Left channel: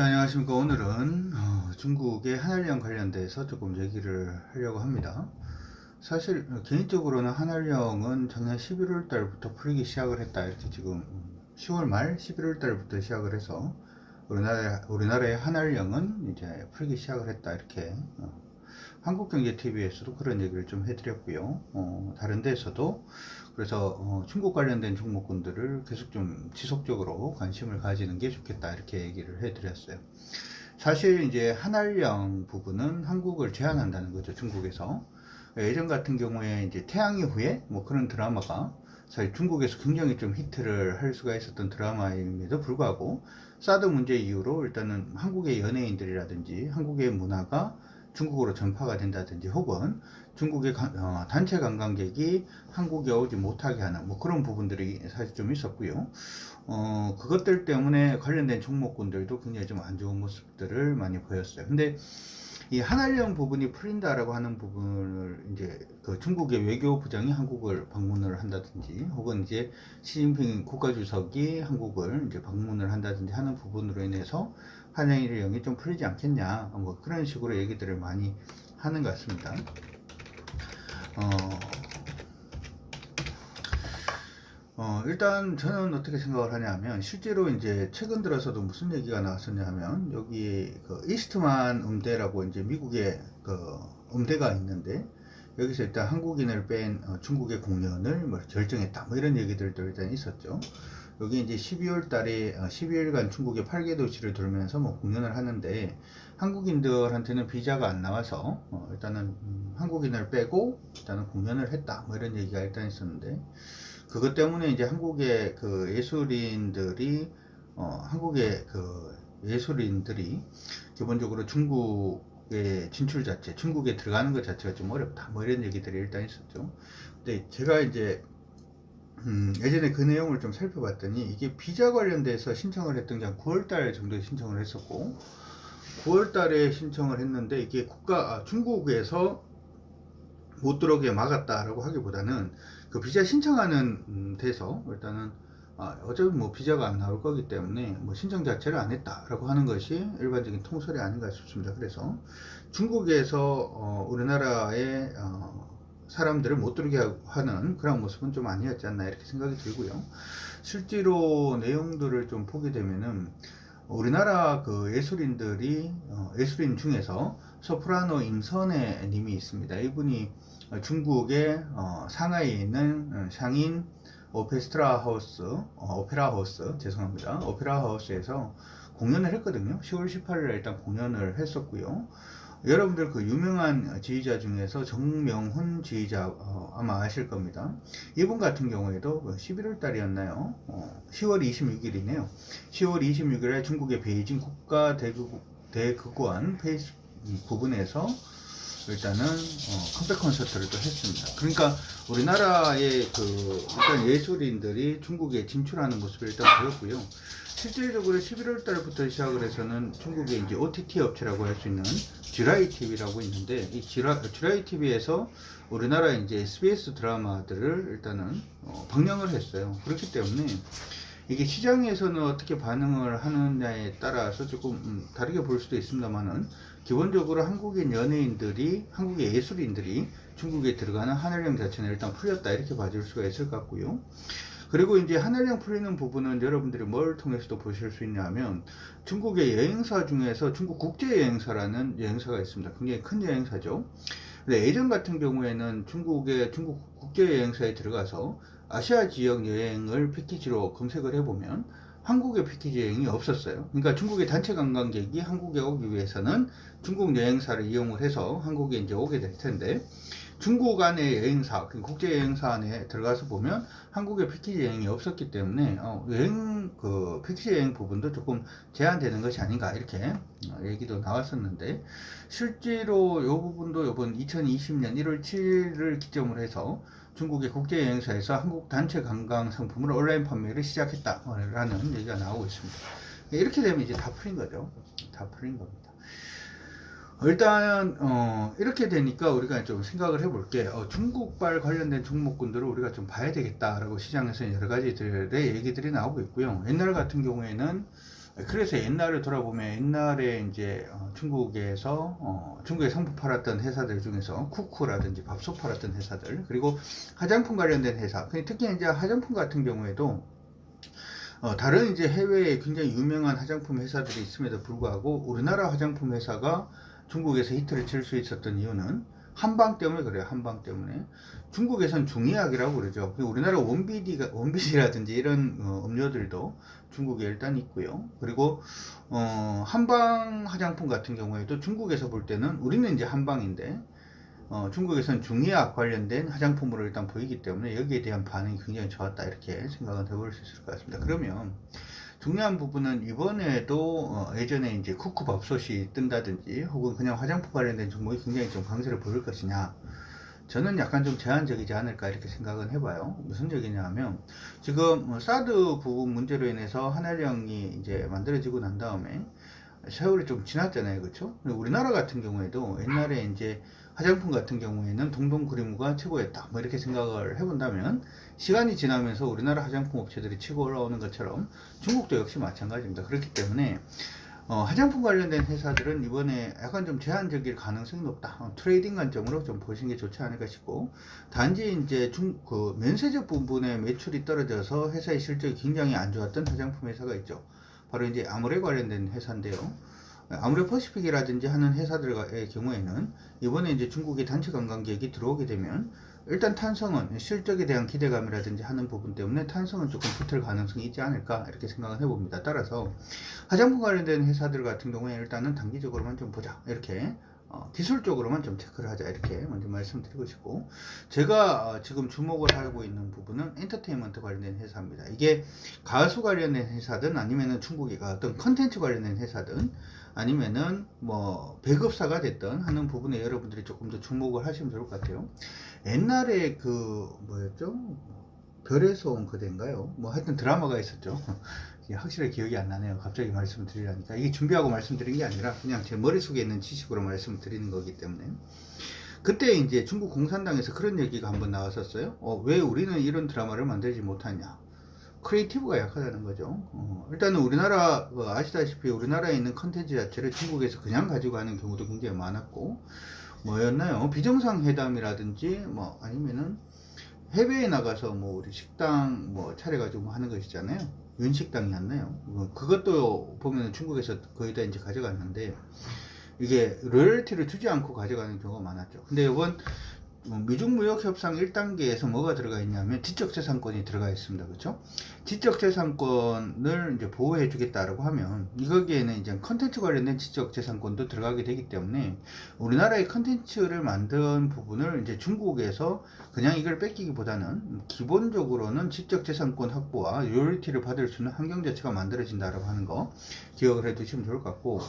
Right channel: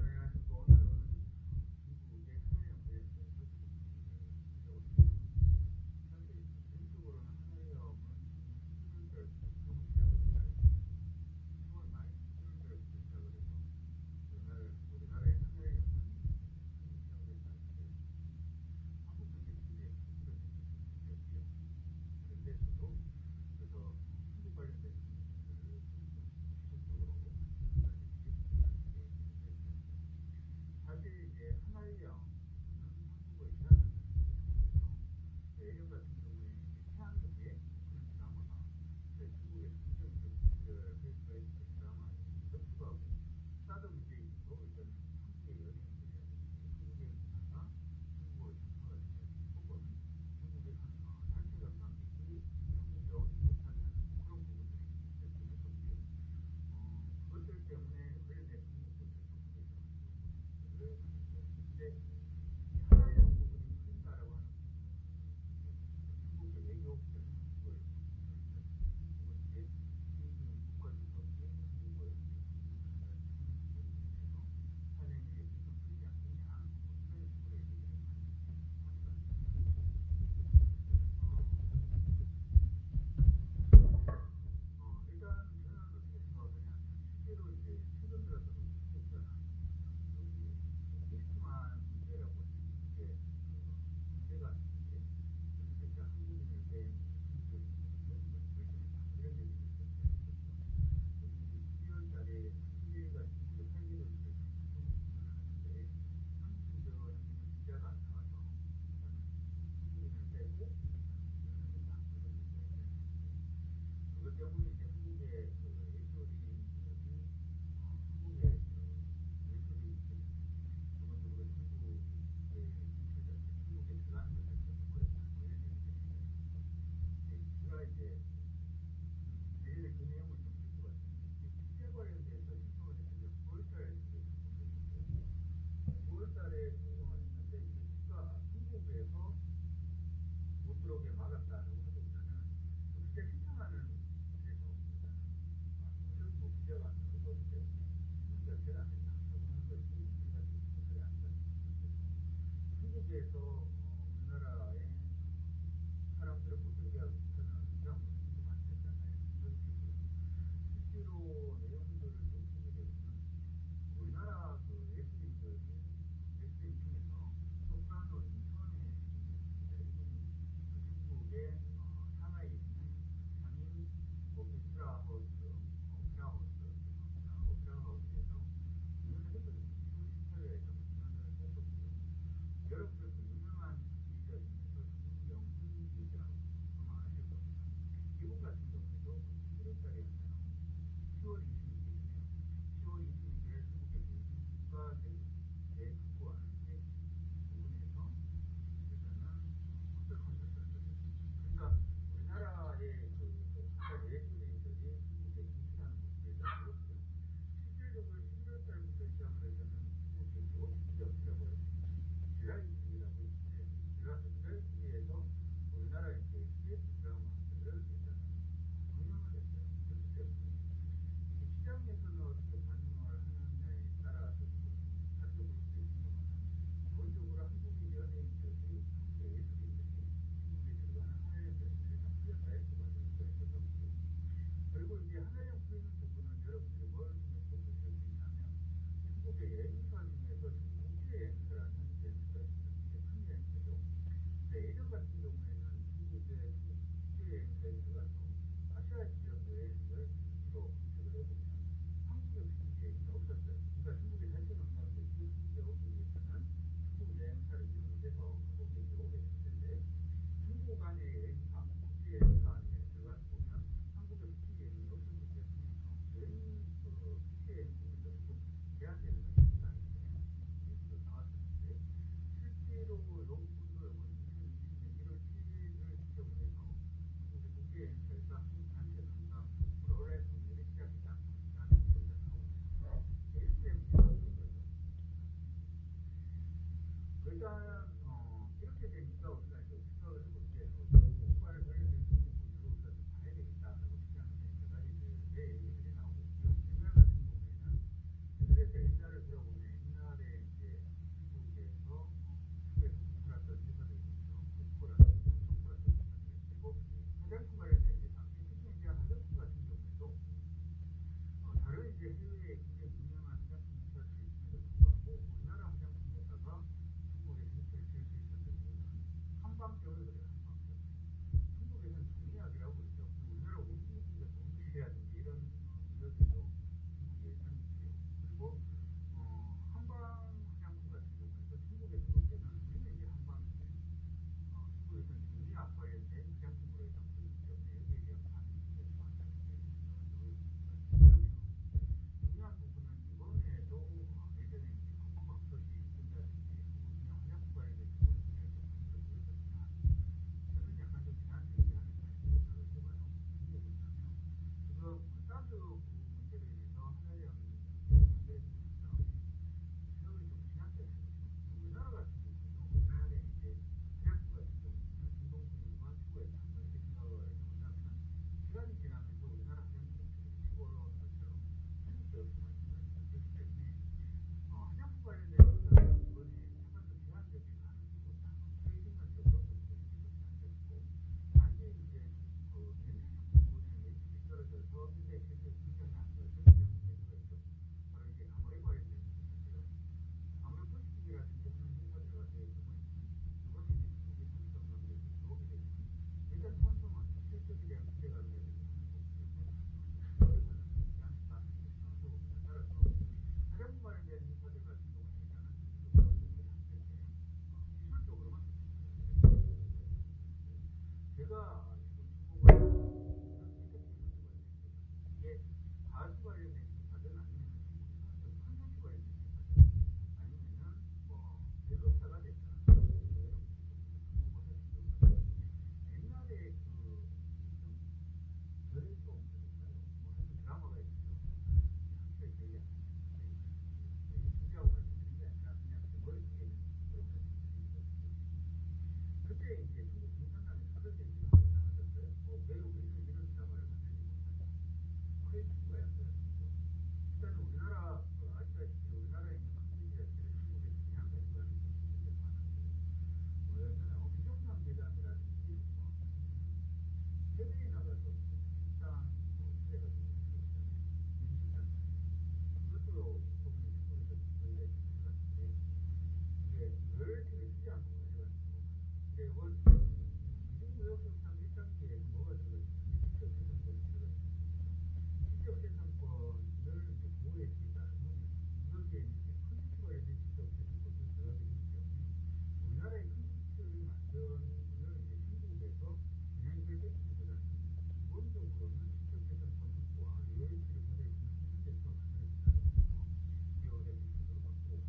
자, 안녕하십니까. 오늘은 중국의 한알령 관련돼서 조금 얘기를 하려고 합니다. 사실 개인적으로는 한알령은 작년 11월 달부터 풀리기 시작을 했다, 이렇게 지금 10월 말 11월 달부터 시작을 해서 우리나라의 한알령은 이제 풀리기 시작을 했다, 이렇게 한국경제TV에서도 그런 얘기를 좀 해드렸고요. 다른 데에서도 그래서 중국 관련된 종목군들을 계속 좀 지속적으로 관심을 가지는 게 좋겠다, 이렇게 얘기를 해드렸어요. 사실 이제 한알령 부분은 한국을 제한한다는 거죠, 중국에서. 예전 같은 경우에 이제 태양의 후예 뭐 그런 드라마가 사실 중국에서 굉장히 좀 히트를 할 수가 있었던 드라마임에도 불구하고 사드 문제 이후로 일단은 한국의 연예인들이라든지 한국의 문화가 중국으로 전파가 된다든지 혹은 중국의 단체 관광객이 한국에 오지 못하게 하는 뭐 그런 부분들이 사실 좀 있었고요. 그것들 때문에 관련된 종목군들도 굉장히 좀 안 좋은 모습들을 많이 보였어요. 근데 이 한알령 부분이 풀린다라고 하는 부분을 이제 그 중국의 외교부장이 한국을 방문을 한다든지 혹은 이제 시진핑 국가주석이 한국을 이제 방문을 한다든지 하는 부분으로 인해서 한알령이 좀 풀리지 않겠냐, 뭐 그런 식으로 얘기들을 많이 하는 것 같습니다. 일단 저는 어떻게 생각을 하냐면, 실제로 이제 최근 들어서도 무슨 얘기가 나왔었냐 하면, 여기 그 이스트만 음대라고 이제 미국의 그 음대가 있는데, 여기서 일단 한국인을 뺀 중국의 공연을 뭐 결정했다, 뭐 이런 얘기들도 일단 있었죠. 여기 이제 12월 달에 12일간 중국의 8개 도시를 돌면서 뭐 공연을 하는데, 한국인들한테는 비자가 안 나와서 일단은 한국인을 빼고 일단은 공연을 했다, 뭐 이런 얘기가 일단 있었는데, 그것 때문에 이제 한국의 그 예술인들이 한국의 그 예술인들이 기본적으로 중국의 진출 자체, 중국에 들어가는 것 자체가 좀 어렵다, 뭐 이런 얘기들이 일단 있었죠. 근데 제가 이제 예전에 그 내용을 좀 살펴봤더니, 이게 비자 관련돼서 신청을 했던 게 한 9월달 정도에 신청을 했었고, 9월달에 신청을 했는데 이게 중국에서 못 들어오게 막았다라고 하기보다는 그 비자 신청하는 데서 일단은 어차피 뭐 비자가 안 나올 거기 때문에 뭐 신청 자체를 안 했다라고 하는 것이 일반적인 통설이 아닌가 싶습니다. 그래서 중국에서 우리나라의 사람들을 못 들게 하는 그런 모습은 좀 아니었지 않나, 이렇게 생각이 들고요. 실제로 내용들을 좀 보게 되면은 우리나라 그 예술인들이 예술인 중에서 소프라노 임선혜 님이 있습니다. 이분이 중국의 상하이에 있는 샹인 오페라 하우스, 죄송합니다. 오페라 하우스에서 공연을 했거든요. 10월 18일에 일단 공연을 했었고요. 여러분들 그 유명한 지휘자 중에서 정명훈 지휘자 아마 아실 겁니다. 이분 같은 경우에도 11월 달이었나요? 10월 26일이네요. 10월 26일에 중국의 베이징 국가대극원 페이스 부분에서 일단은 컴백 콘서트를 또 했습니다. 그러니까 우리나라의 그 일단 예술인들이 중국에 진출하는 모습을 일단 보였고요. 실질적으로 11월 달부터 시작을 해서는 중국의 이제 OTT 업체라고 할 수 있는 쥐라이 TV라고 있는데, 이 쥐라이 TV에서 우리나라 이제 SBS 드라마들을 일단은 방영을 했어요. 그렇기 때문에 이게 시장에서는 어떻게 반응을 하느냐에 따라서 조금 다르게 볼 수도 있습니다만은, 기본적으로 한국인 연예인들이, 한국의 예술인들이 중국에 들어가는 한알령 자체는 일단 풀렸다, 이렇게 봐줄 수가 있을 것 같고요. 그리고 이제 한알령 풀리는 부분은 여러분들이 뭘 통해서도 보실 수 있냐면, 중국의 여행사 중에서 중국 국제여행사라는 여행사가 있습니다. 굉장히 큰 여행사죠. 근데 예전 같은 경우에는 중국 국제여행사에 들어가서 아시아 지역 여행을 패키지로 검색을 해보면 한국의 패키지 여행이 없었어요. 그러니까 중국의 단체 관광객이 한국에 오기 위해서는 중국 여행사를 이용을 해서 한국에 이제 오게 될 텐데, 중국 안의 여행사, 국제 여행사 안에 들어가서 보면 한국의 패키지 여행이 없었기 때문에 그 패키지 여행 부분도 조금 제한되는 것이 아닌가, 이렇게 얘기도 나왔었는데, 실제로 이 부분도 이번 2020년 1월 7일을 기점으로 해서 중국의 국제 여행사에서 한국 단체 관광 상품을 온라인 판매를 시작했다라는 얘기가 나오고 있습니다. 이렇게 되면 이제 다 풀린 거죠. 다 풀린 겁니다. 일단 이렇게 되니까 우리가 좀 생각을 해볼게. 중국발 관련된 종목군들을 우리가 좀 봐야 되겠다라고 시장에서 여러 가지들의 얘기들이 나오고 있고요. 옛날 같은 경우에는 그래서 옛날을 돌아보면 옛날에 이제 중국에 상품 팔았던 회사들 중에서 쿠쿠라든지 밥솥 팔았던 회사들, 그리고 화장품 관련된 회사, 특히 이제 화장품 같은 경우에도 다른 이제 해외에 굉장히 유명한 화장품 회사들이 있음에도 불구하고 우리나라 화장품 회사가 중국에서 히트를 칠 수 있었던 이유는 한방 때문에 그래요. 한방 때문에. 중국에선 중의학이라고 그러죠. 우리나라 원비디라든지 이런 음료들도 중국에 일단 있고요. 그리고 한방 화장품 같은 경우에도 중국에서 볼 때는 우리는 이제 한방인데 중국에서는 중의학 관련된 화장품으로 일단 보이기 때문에 여기에 대한 반응이 굉장히 좋았다, 이렇게 생각은 해볼 수 있을 것 같습니다. 그러면 중요한 부분은 이번에도 예전에 이제 쿠쿠 밥솥이 뜬다든지 혹은 그냥 화장품 관련된 종목이 굉장히 좀 강세를 보일 것이냐, 저는 약간 좀 제한적이지 않을까 이렇게 생각은 해봐요. 무슨 얘기냐 하면 지금 사드 부분 문제로 인해서 한일령이 이제 만들어지고 난 다음에 세월이 좀 지났잖아요, 그렇죠? 우리나라 같은 경우에도 옛날에 이제 화장품 같은 경우에는 동동구리무가 최고였다, 뭐 이렇게 생각을 해본다면 시간이 지나면서 우리나라 화장품 업체들이 치고 올라오는 것처럼 중국도 역시 마찬가지입니다. 그렇기 때문에 화장품 관련된 회사들은 이번에 약간 좀 제한적일 가능성이 높다. 트레이딩 관점으로 좀 보시는 게 좋지 않을까 싶고, 단지 이제 면세점 부분에 매출이 떨어져서 회사의 실적이 굉장히 안 좋았던 화장품 회사가 있죠. 바로 이제 아모레 관련된 회사인데요. 아모레 퍼시픽이라든지 하는 회사들의 경우에는 이번에 이제 중국의 단체 관광객이 들어오게 되면 일단 탄성은 실적에 대한 기대감이라든지 하는 부분 때문에 탄성은 조금 붙을 가능성이 있지 않을까 이렇게 생각을 해봅니다. 따라서 화장품 관련된 회사들 같은 경우에 일단은 단기적으로만 좀 보자, 이렇게 기술적으로만 좀 체크를 하자, 이렇게 먼저 말씀드리고 싶고, 제가 지금 주목을 하고 있는 부분은 엔터테인먼트 관련된 회사입니다. 이게 가수 관련된 회사든 아니면은 중국의 어떤 컨텐츠 관련된 회사든 아니면은 뭐 배급사가 됐든 하는 부분에 여러분들이 조금 더 주목을 하시면 좋을 것 같아요. 옛날에 그 뭐였죠? 별에서 온 그대인가요? 뭐 하여튼 드라마가 있었죠. 확실히 기억이 안 나네요. 갑자기 말씀드리려니까. 이게 준비하고 말씀드린 게 아니라 그냥 제 머릿속에 있는 지식으로 말씀드리는 거기 때문에. 그때 이제 중국 공산당에서 그런 얘기가 한번 나왔었어요. 왜 우리는 이런 드라마를 만들지 못하냐? 크리에이티브가 약하다는 거죠. 일단은 우리나라 아시다시피 우리나라에 있는 컨텐츠 자체를 중국에서 그냥 가지고 가는 경우도 굉장히 많았고, 뭐였나요? 비정상회담이라든지 뭐 아니면은 해외에 나가서 뭐 우리 식당 뭐 차려가지고 하는 것이잖아요. 윤식당이었나요? 그것도 보면 중국에서 거의 다 이제 가져갔는데 이게 로열티를 주지 않고 가져가는 경우가 많았죠. 근데 이번 미중무역협상 1단계에서 뭐가 들어가 있냐면 지적재산권이 들어가 있습니다. 그렇죠? 지적재산권을 이제 보호해 주겠다라고 하면 이거기에는 이제 컨텐츠 관련된 지적재산권도 들어가게 되기 때문에 우리나라의 컨텐츠를 만든 부분을 이제 중국에서 그냥 이걸 뺏기기보다는 기본적으로는 지적재산권 확보와 로열티를 받을 수 있는 환경 자체가 만들어진다라고 하는 거 기억을 해 두시면 좋을 것 같고,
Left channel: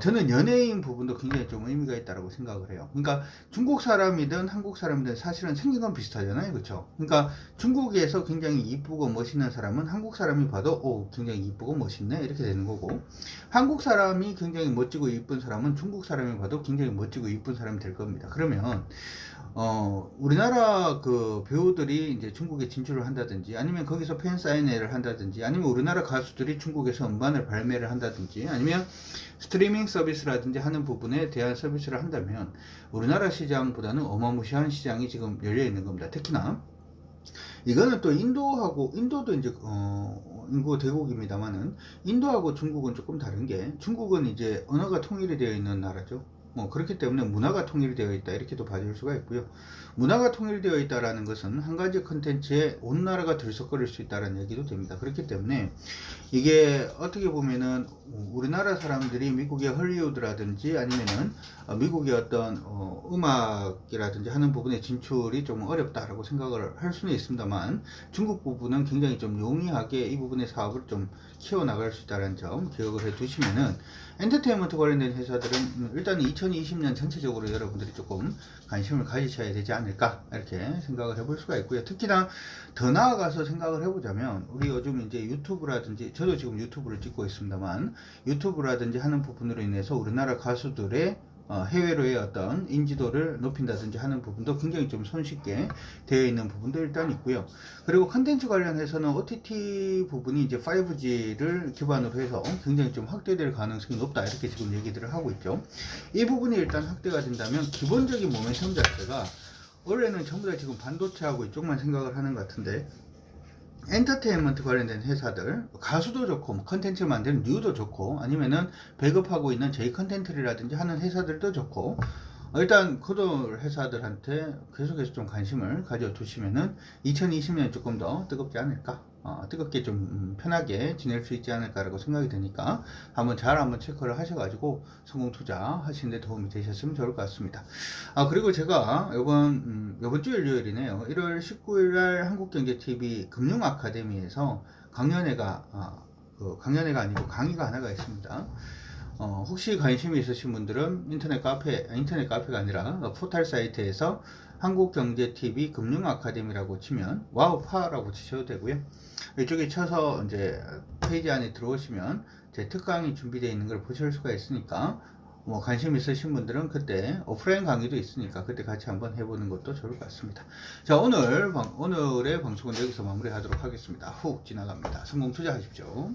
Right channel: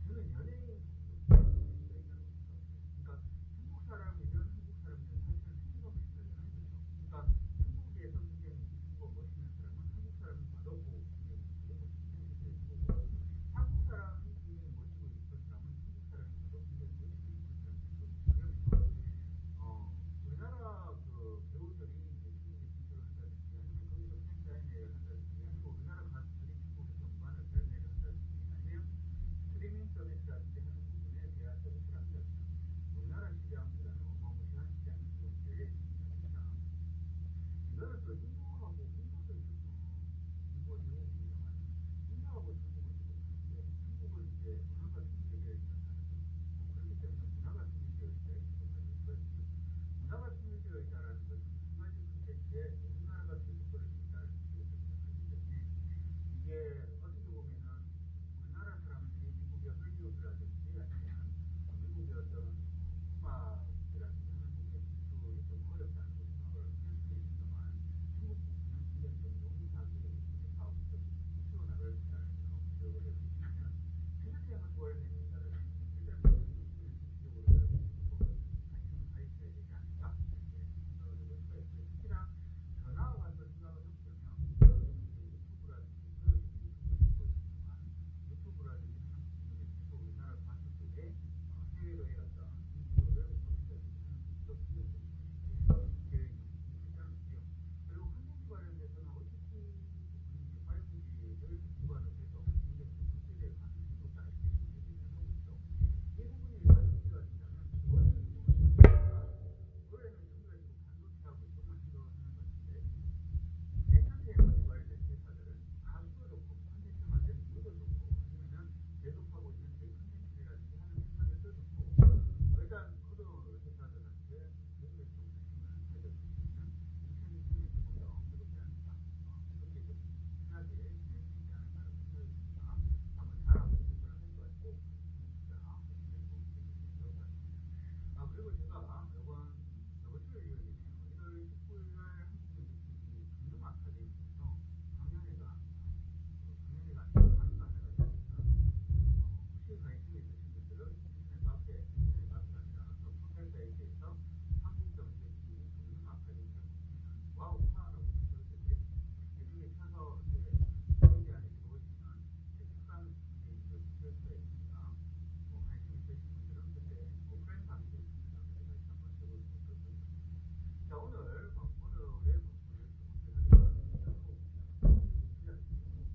저는 연예인 부분도 굉장히 좀 의미가 있다고 생각을 해요. 그러니까 중국 사람이든 한국 사람이든 사실은 생긴 건 비슷하잖아요. 그렇죠? 그러니까 중국에서 굉장히 이쁘고 멋있는 사람은 한국 사람이 봐도 굉장히 이쁘고 멋있네, 이렇게 되는 거고, 한국 사람이 굉장히 멋지고 이쁜 사람은 중국 사람이 봐도 굉장히 멋지고 이쁜 사람이 될 겁니다. 그러면 우리나라 그 배우들이 이제 중국에 진출을 한다든지 아니면 거기서 팬 사인회를 한다든지 아니면 우리나라 가수들이 중국에서 음반을 발매를 한다든지 아니면 스트리밍 서비스라든지 하는 부분에 대한 서비스를 한다면 우리나라 시장보다는 어마무시한 시장이 지금 열려 있는 겁니다. 특히나 이거는 또 인도도 이제 인구 대국입니다만은 인도하고 중국은 조금 다른 게, 중국은 이제 언어가 통일이 되어 있는 나라죠. 그렇기 때문에 문화가 통일되어 있다, 이렇게도 봐줄 수가 있고요. 문화가 통일되어 있다라는 것은 한 가지 컨텐츠에 온 나라가 들썩거릴 수 있다는 얘기도 됩니다. 그렇기 때문에 이게 어떻게 보면은 우리나라 사람들이 미국의 헐리우드라든지 아니면은 미국의 어떤 음악이라든지 하는 부분에 진출이 좀 어렵다라고 생각을 할 수는 있습니다만, 중국 부분은 굉장히 좀 용이하게 이 부분의 사업을 좀 키워나갈 수 있다는 점 기억을 해 두시면은, 엔터테인먼트 관련된 회사들은 일단 2020년 전체적으로 여러분들이 조금 관심을 가지셔야 되지 않을까, 이렇게 생각을 해볼 수가 있고요. 특히나 더 나아가서 생각을 해보자면, 우리 요즘 이제 유튜브라든지, 저도 지금 유튜브를 찍고 있습니다만, 유튜브라든지 하는 부분으로 인해서 우리나라 가수들의 해외로의 어떤 인지도를 높인다든지 하는 부분도 굉장히 좀 손쉽게 되어 있는 부분도 일단 있고요. 그리고 컨텐츠 관련해서는 OTT 부분이 이제 5G를 기반으로 해서 굉장히 좀 확대될 가능성이 높다, 이렇게 지금 얘기들을 하고 있죠. 이 부분이 일단 확대가 된다면 기본적인 모멘텀 자체가 원래는 전부 다 지금 반도체하고 이쪽만 생각을 하는 것 같은데, 엔터테인먼트 관련된 회사들, 가수도 좋고 뭐 컨텐츠 만드는 뉴도 좋고 아니면은 배급하고 있는 J 컨텐츠라든지 하는 회사들도 좋고, 일단 그런 회사들한테 계속해서 좀 관심을 가져두시면은 2020년 조금 더 뜨겁지 않을까, 뜨겁게 좀 편하게 지낼 수 있지 않을까라고 생각이 드니까 한번 체크를 하셔가지고 성공 투자 하시는 데 도움이 되셨으면 좋을 것 같습니다. 그리고 제가 요번 주 일요일이네요. 1월 19일 날 한국경제TV 금융 아카데미에서 강연회가 아니고 강의가 하나가 있습니다. 혹시 관심이 있으신 분들은 인터넷 카페가 아니라 포털 사이트에서 한국경제TV 금융아카데미라고 치면 와우파라고 치셔도 되고요. 이쪽에 쳐서 이제 페이지 안에 들어오시면 제 특강이 준비되어 있는 걸 보실 수가 있으니까, 뭐 관심 있으신 분들은 그때 오프라인 강의도 있으니까 그때 같이 한번 해보는 것도 좋을 것 같습니다. 자, 오늘의 방송은 여기서 마무리하도록 하겠습니다. 훅 지나갑니다. 성공 투자하십시오.